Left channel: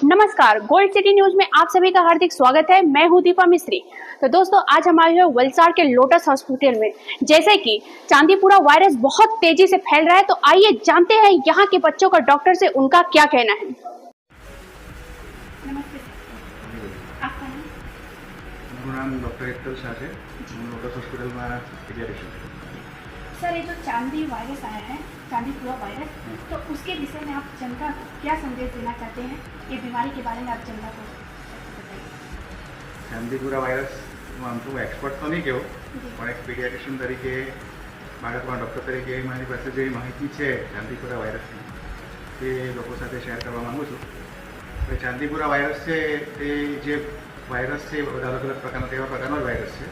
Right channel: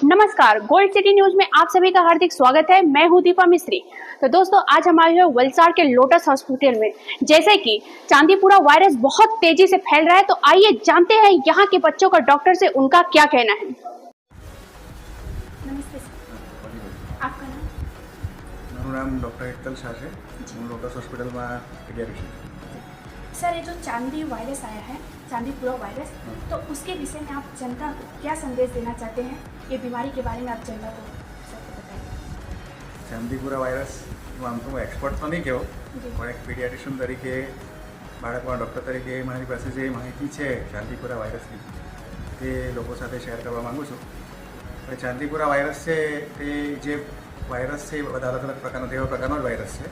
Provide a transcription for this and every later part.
नमस्कार, gold city news में आप सभी का हार्दिक स्वागत है। मैं हूं दीपा मिस्त्री। तो दोस्तों, आज हम आए हैं वलसाड़ के लोटस हॉस्पिटल में। जैसे कि चांदीपुरा वायरस बहुत तेजी से फैल रहा है, तो आइए जानते हैं यहाँ के बच्चों का डॉक्टर से उनका क्या कहना है। नमस्ते सर, आपका नाम? मेरा नाम डॉक्टर एकतल शाह है। लोटस हॉस्पिटल में पीडियाट्रिशियन। सर, ये जो चांदी वायरस आया है, चांदीपुरा वायरस, तो उसके विषय में आप जनता को क्या संदेश देना चाहते हैं? ये बीमारी के बारे में आप जनता को बताइए। ચાંદીપુરા વાયરસ હું એક્સપર્ટ તો નહીં કહું, પણ એક પીડિયાટ્રિશિયન તરીકે, બાળકના ડૉક્ટર તરીકે મારી પાસે જે માહિતી છે ચાંદીપુરા વાયરસની એ લોકો સાથે શેર કરવા માગું છું. એ ચાંદીપુરા વાયરસ છે એ જે વાયરસ છે બધા અલગ અલગ પ્રકારનો તેવા પ્રકારનો જ વાયરસ છે.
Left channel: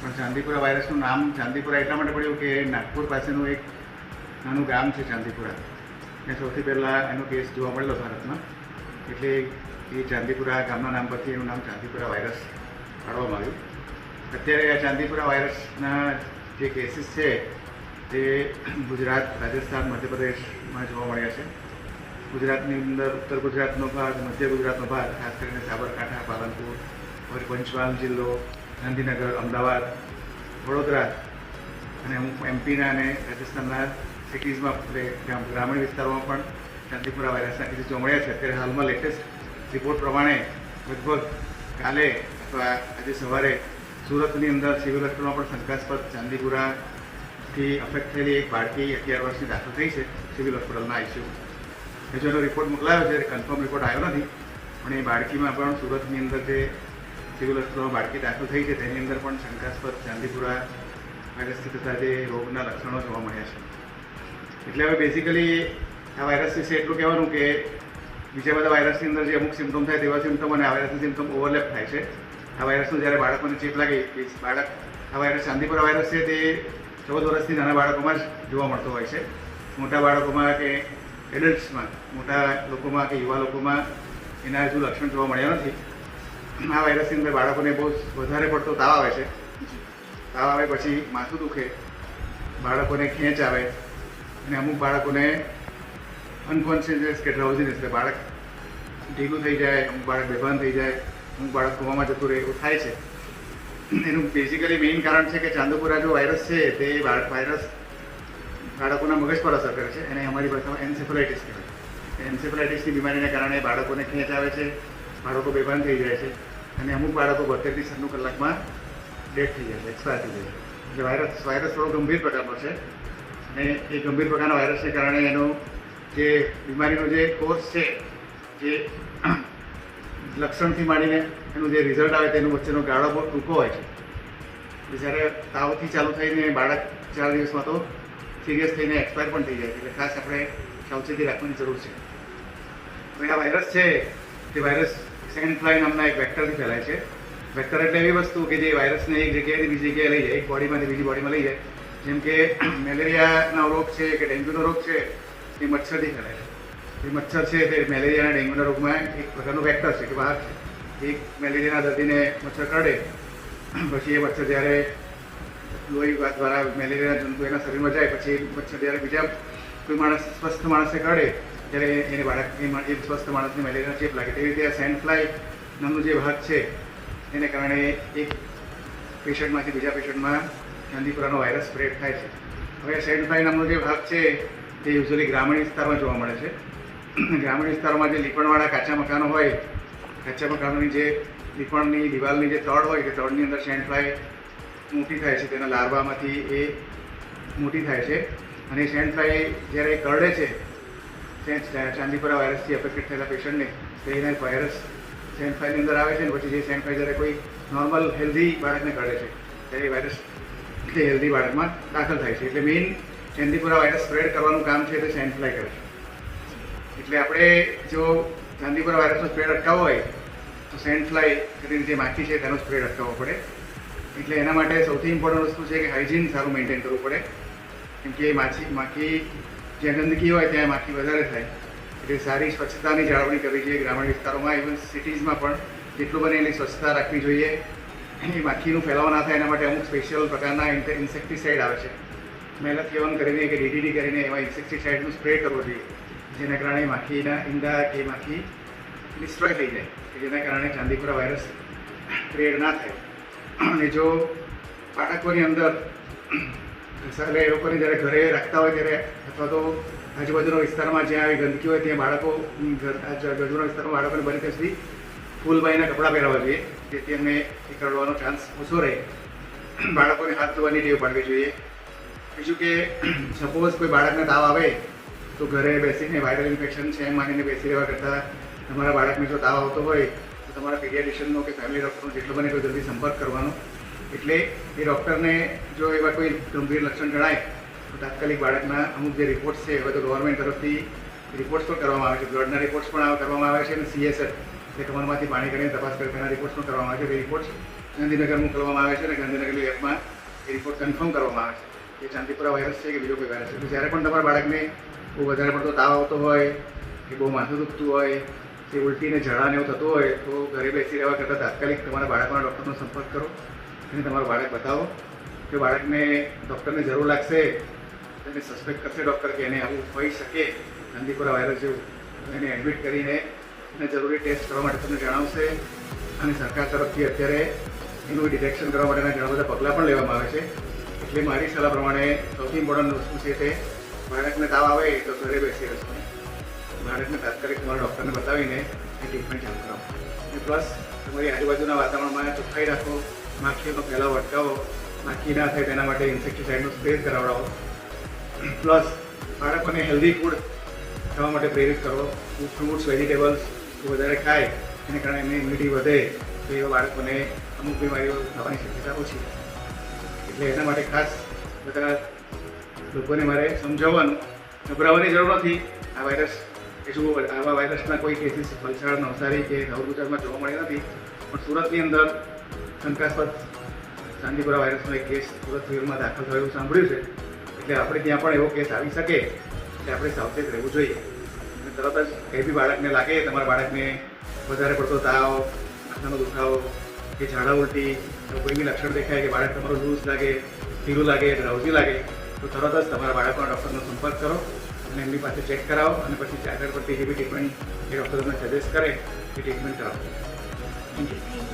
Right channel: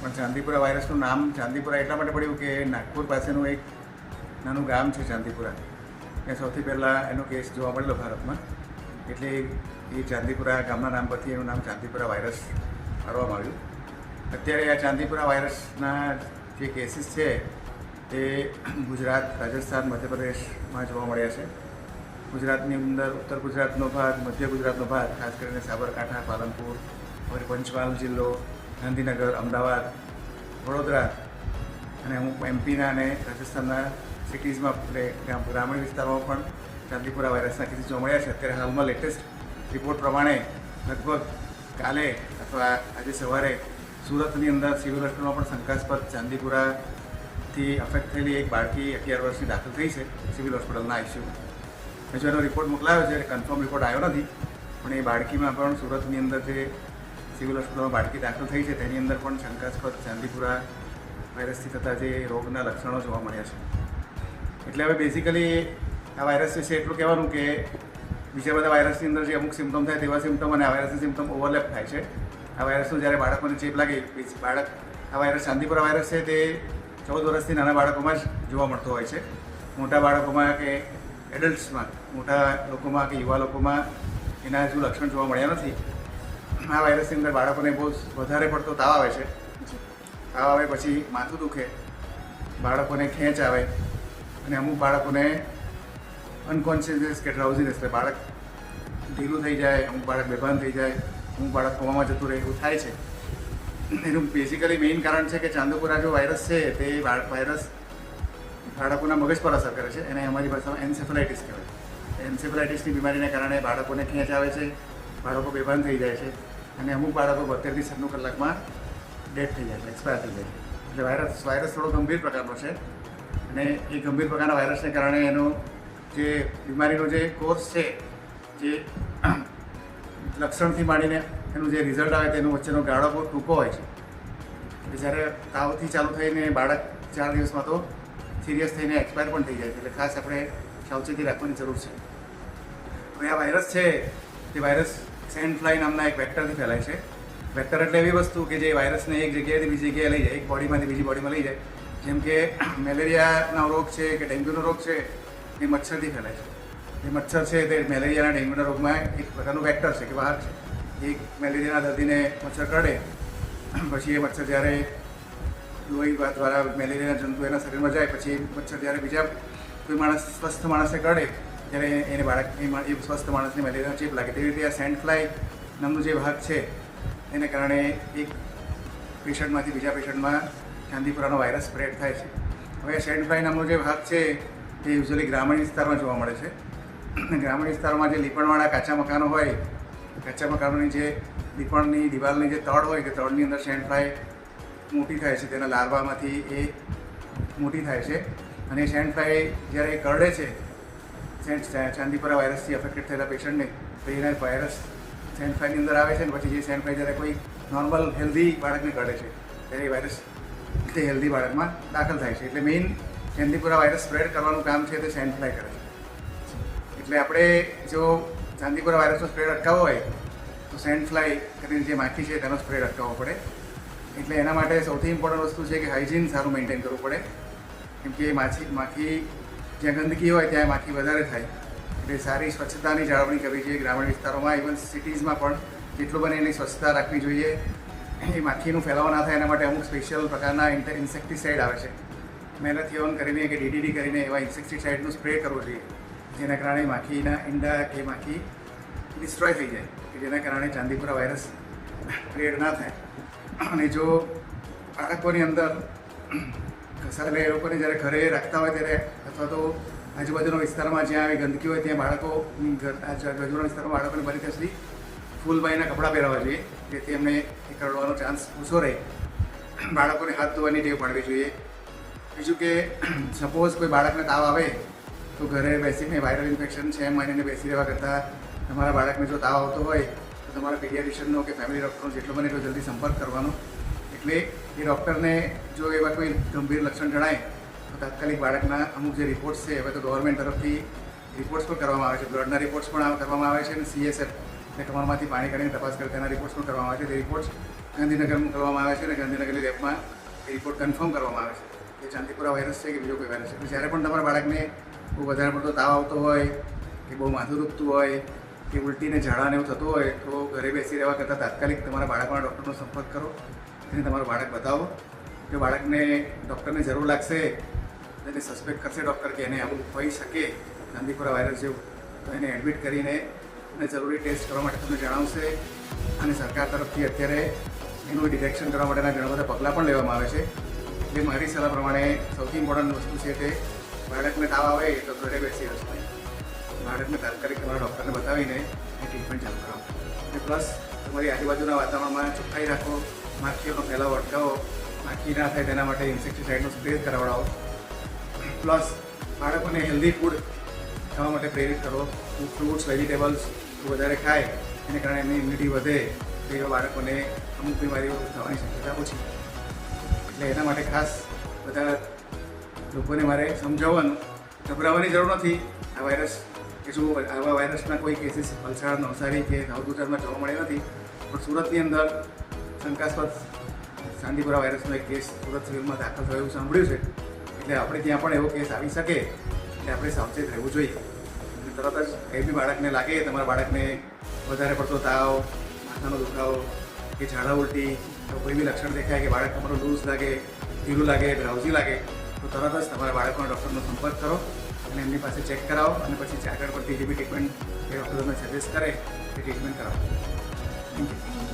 પણ ચાંદીપુરા વાયરસનું નામ ચાંદીપુરા એટલા માટે પડ્યું કે નાગપુર પાસેનું એક નાનું ગામ છે ચાંદીપુરા, એ સૌથી પહેલાં એનો કેસ જોવા મળેલો ભારતમાં. એટલે એ ચાંદીપુરા ગામના નામ પરથી એનું નામ ચાંદીપુરા વાયરસ પાડવામાં આવ્યું. અત્યારે આ ચાંદીપુરા વાયરસના જે કેસીસ છે તે ગુજરાત, રાજસ્થાન, મધ્યપ્રદેશમાં જોવા મળ્યા છે. ગુજરાતની અંદર ઉત્તર ગુજરાતનો ભાગ, મધ્ય ગુજરાતનો ભાગ, ખાસ કરીને સાબરકાંઠા, પાલનપુર, પંચમહાલ જિલ્લો, ગાંધીનગર, અમદાવાદ, વડોદરા અને અમુક એમપીના અને રાજસ્થાનના સિટીઝમાં, ગ્રામીણ વિસ્તારોમાં પણ ચાંદીપુરા વાયરસના કેસીસ જોવા મળ્યા છે. અત્યારે હાલમાં લેટેસ્ટ રિપોર્ટ પ્રમાણે લગભગ કાલે અથવા આજે સવારે સુરતની અંદર સિવિલ હોસ્પિટલમાં પણ શંકાસ્પદ ચાંદીપુરાથી અફેક્ટ થયેલી એક બાળકી 11 વર્ષની દાખલ થઈ છે સિવિલ હોસ્પિટલના આઈસીયુ. હજુ એનો રિપોર્ટ મોકલાયો છે, કન્ફર્મ રિપોર્ટ આવ્યો નથી, પણ એ બાળકીમાં પણ સુરતની અંદર જે સિવિલ હોસ્પિટલમાં બાળકી દાખલ થઈ છે તેની અંદર પણ શંકાસ્પદ ચાંદીપુરા વાયરસથી થતા જે રોગના લક્ષણો જોવા મળ્યા છે. એટલે હવે બેઝિકલી આ વાયરસ વિશે એટલું કહેવાનું કે બીજા બધા વાયરસની અંદર જે અમુક સિમ્ટમ થાય તેવા સિમ્ટમ અને આ વાયરસના સિમ્ટમ ઓવરલેપ થાય છે. આ વાયરસનું જ્યારે બાળકોને ચેપ લાગે, આ વાયરસ ચાંદીપુરા વાયરસ છે તે 14 વર્ષથી નાના બાળકોમાં જ જોવા મળતો હોય છે. મોટા બાળકોમાં કે એડલ્ટ્સમાં, મોટા લોકોમાં કે યુવા લોકોમાં એના હજુ લક્ષણ જોવા મળ્યા નથી. આ વાયરસની અંદર બાળકોને બહુ વધારે પડતો તાવ આવે છે. તાવ આવે પછી માથું દુખે, બાળકોને ખેંચ આવે અને અમુક બાળકોને અનકોન્શિયસનેસ કે ડ્રાઉઝીનેસ, કે બાળક ભેગું થઈ જાય, અમુક બાળક બેભાન થઈ જાય, અમુક બાળક કોમામાં જતું રહે, એવું થાય છે. એનું બેઝિકલી મેઇન કારણ છે કે ચાંદીપુરા જો વાયરસ છે તે વાયરસ બાળકોના મગજ પર અસર કરે છે. એને અમારી ભાષામાં એન્સેફેલાઇટિસ કહેવાય. એન્સેફેલાઇટિસની બીમારીના કારણે બાળકોને ખેંચ આવે છે, બાળકો બેભાન થઈ જાય છે અને અમુક બાળકો 72 થી 96 કલાકમાં ડેથ થઈ જાય છે, એક્સપાયર થઈ જાય છે. એટલે વાયરસ થોડો ગંભીર પ્રકારનો છે અને એ ગંભીર પ્રકારના વાયરસને કારણે એનો જે બીમારીનો જે કોર્સ છે, જે લક્ષણથી માંડીને એનું જે રિઝલ્ટ આવે તેનું વચ્ચેનો ગાળો બહુ ટૂંકો હોય છે. એટલે જ્યારે તાવથી ચાલુ થઈને બાળક 4 દિવસમાં તો સિરિયસ થઈને એક્સપાયર પણ થઈ જાય છે. એટલે ખાસ આપણે સાવચેતી રાખવાની જરૂર છે. આ વાયરસ છે તે વાયરસ સેન્ડ ફ્લાય નામના એક વેક્ટરથી ફેલાય છે. વેક્ટર એટલે એવી વસ્તુ કે જે વાયરસને એક જગ્યાએથી બીજી જગ્યાએ લઈ જાય, એક બોડીમાંથી બીજી બોડીમાં લઈ જાય. જેમ કે મેલેરિયાનો રોગ છે કે ડેન્ગ્યુનો રોગ છે એ મચ્છરથી ફેલાય છે. એ મચ્છર છે તે મેલેરિયા અને ડેન્ગ્યુના રોગમાં એક પ્રકારનું વેક્ટર છે કે વાહક છે. એક મેલેરિયાના દર્દીને મચ્છર કરડે, પછી એ મચ્છર જ્યારે લોહી દ્વારા મેલેરિયાના જંતુ એના શરીરમાં જાય, પછી એ મચ્છર જ્યારે બીજા કોઈ સ્વસ્થ માણસને કરડે ત્યારે એને બાળક એ સ્વસ્થ માણસને મેલેરિયાનો ચેપ લાગે. તેવી રીતે આ સેન્ડ ફ્લાય નામનો જે ભાગ છે એને કારણે એક પેશન્ટમાંથી બીજા પેશન્ટમાં ચાંદીપુરાનો વાયરસ સ્પ્રેડ થાય છે. હવે સેન્ડ ફ્લાય નામનો જે ભાગ છે તે યુઝ્યુઅલી ગ્રામીણ વિસ્તારમાં જોવા મળે છે. ગ્રામીણ વિસ્તારમાં જે લીપણવાળા કાચા મકાનો હોય, કાચા મકાનોની જે લીપણની દિવાલની જે તળ હોય તે તળની અંદર સેન્ડ ફ્લાય મોટી થાય છે, તેના લાર્વામાંથી એ મોટી થાય છે અને સેન્ડ ફ્લાય જ્યારે કરડે છે ચાંદીપુરા વાયરસથી અફેક્ટેડ થયેલા પેશન્ટને, તો એના વાયરસ સેન્ડ ફ્લાયની અંદર આવે છે અને પછી જે સેન્ડ ફ્લાય જ્યારે કોઈ નોર્મલ હેલ્ધી બાળકને કરડે છે ત્યારે વાયરસ તે હેલ્ધી બાળકમાં દાખલ થાય છે. એટલે મેઇન ચાંદીપુરા વાયરસ સ્પ્રેડ કરવાનું કામ છે તે સેન્ડ ફ્લાય કરે છે. એટલે આપણે જો ચાંદીપુરા વાયરસનો સ્પ્રેડ અટકાવવો હોય તો સેન્ડ ફ્લાય કરીને જે માખી છે તેનો સ્પ્રેડ અટકાવવો પડે. એટલે એના માટે સૌથી ઇમ્પોર્ટન્ટ વસ્તુ છે કે હાઇજીન સારું મેન્ટેન કરવું પડે. કેમ કે માખી જ્યાં ગંદકી હોય ત્યાં માખી વધારે થાય. એટલે સારી સ્વચ્છતાની જાળવણી કરવી જોઈએ. ગ્રામીણ વિસ્તારોમાં, ઇવન સિટીઝમાં પણ જેટલું બને એની સ્વચ્છતા રાખવી જોઈએ. એ માખીનું ફેલાવો ના થાય એના માટે અમુક સ્પેશિયલ પ્રકારના ઇન્સેક્ટિસાઇડ આવે છે. મેલાથિયોન કરીને કે DDT કરીને એવા ઇન્સેક્ટિસાઇડનું સ્પ્રે કરવો જોઈએ, જેના કારણે માખીના ઈંડા કે માખી ડિસ્ટ્રોય થઈ જાય કે જેના કારણે ચાંદીપુરા વાયરસ સ્પ્રેડ ના થાય. અને જો બાળકોની અંદર એટલે એ લોકોને જ્યારે ઘરે રાખતા હોય ત્યારે અથવા તો આજુબાજુના વિસ્તારમાં જ્યાં આવી ગંદકી હોય ત્યાં બાળકો આજુબાજુના વિસ્તારમાં બાળકોને બને ત્યાં સુધી ફૂલબાઈના કપડાં પહેરાવવા જોઈએ, જેથી એમને એ કરવાનો ચાન્સ ઓછો રહે. બાળકોને હાથ ધોવાની ટેવ પાડવી જોઈએ. બીજું કે સપોઝ કોઈ બાળકને તાવ આવે તો ઘરે બેસીને વાયરલ ઇન્ફેક્શન છે એમ માનીને બેસી રહેવા કરતાં તમારા બાળકને જો તાવ આવતો હોય તો તમારા પીડિયાટ્રિશિયનનો કે ફેમિલી ડૉક્ટરનો જેટલો બને એટલો જલ્દી સંપર્ક કરવાનો. એટલે એ ડૉક્ટરને જો એવા કોઈ ગંભીર લક્ષણ જણાય તો તાત્કાલિક બાળકના અમુક જે રિપોર્ટ્સ છે હવે તો ગવર્મેન્ટ તરફથી રિપોર્ટ્સ પણ કરવામાં આવે છે, બ્લડના રિપોર્ટ્સ પણ કરવામાં આવે છે અને CSF એટલે કમરમાંથી પાણી કરીને તપાસ કરે તેના રિપોર્ટ્સ પણ કરવામાં આવે છે. એ રિપોર્ટ્સ ગાંધીનગર મોકલવામાં આવે છે અને ગાંધીનગરની લેબમાં એ રિપોર્ટ કન્ફર્મ કરવામાં આવે છે કે ચાંદીપુરા વાયરસ છે કે બીજો કોઈ વાયરસ છે. તો જ્યારે પણ તમારા બાળકને બહુ વધારે પડતો તાવ આવતો હોય કે બહુ માથું દુખતું હોય કે ઉલટીને ઝાડાને એવું થતું હોય તો ઘરે બેસી રહેવા કરતાં તાત્કાલિક તમારા બાળકના ડૉક્ટરનો સંપર્ક કરો અને તમારું બાળક બતાવો. જો બાળકને ડૉક્ટરને જરૂર લાગશે એને સસ્પેક્ટ કરશે ડૉક્ટર કે એને આવું હોઈ શકે ચાંદીપુરા વાયરસ જેવું, એને એડમિટ કરીને એને જરૂરી ટેસ્ટ કરવા માટે તમને જણાવશે. અને સરકાર તરફથી અત્યારે એનું ડિટેક્શન કરવા માટેના ઘણા બધા પગલાં પણ લેવામાં આવે છે. એટલે મારી સલાહ પ્રમાણે સૌથી ઇમ્પોર્ટન્ટ વસ્તુ છે તે બાળકને તાવ આવે તો ઘરે બેસી રહેશે. બાળકને તાત્કાલિક તમારા ડૉક્ટરને બતાવીને એ ટ્રીટમેન્ટ ચાલુ કરો. પ્લસ તમારી આજુબાજુના વાતાવરણમાં ચોખ્ખાઈ રાખો, માખીઓનો ફેલાવો અટકાવો, માખી ના થાય તેના માટે ઇન્સેક્ટિસાઇડનો સ્પ્રે કરાવડાવો. પ્લસ બાળકોને હેલ્ધી ફૂડ ખાવા માટે પ્રેરિત કરો. ફ્રૂટ્સ વેજીટેબલ્સ વધારે ખાય એને કારણે એમની ઇમ્યુનિટી વધે તો એવા બાળકોને અમુક બીમારીઓ થવાની શક્યતા ઓછી. એટલે એના માટે ખાસ બધા લોકોને મારે સમજાવવાનું, ગભરાવાની જરૂર નથી. આ વાયરસ કે શું આવા વાયરસના કોઈ કેસીસ વલસાડ, નવસારી કે સાઉથ ગુજરાતમાં જોવા મળે નથી, પણ સુરતની અંદર શંકાસ્પદ ચાંદીપુરા વાયરસનો એક કેસ સુરત સિવિલમાં દાખલ થયો એવું સાંભળ્યું છે. એટલે આપણે ત્યાં પણ એવો કેસ આવી શકે એટલે આપણે સાવચેત રહેવું જોઈએ. અને તરત જ કંઈ બી બાળકને લાગે, તમારા બાળકને વધારે પડતો તાવ, માથાનો દુખાવો કે ઝાડા ઉલટી કોઈ બી લક્ષણ દેખાય કે બાળક તમારું લૂઝ લાગે, ઢીલું લાગે, ડ્રાઉઝી લાગે તો તરત જ તમારા બાળકના ડૉક્ટરનો સંપર્ક કરો અને એમની પાસે ચેક કરાવો અને પછી આગળ પડતી જે બી ટ્રીટમેન્ટ એ ડૉક્ટર તમને સજેસ્ટ કરે એ ટ્રીટમેન્ટ કરાવો. Thank you.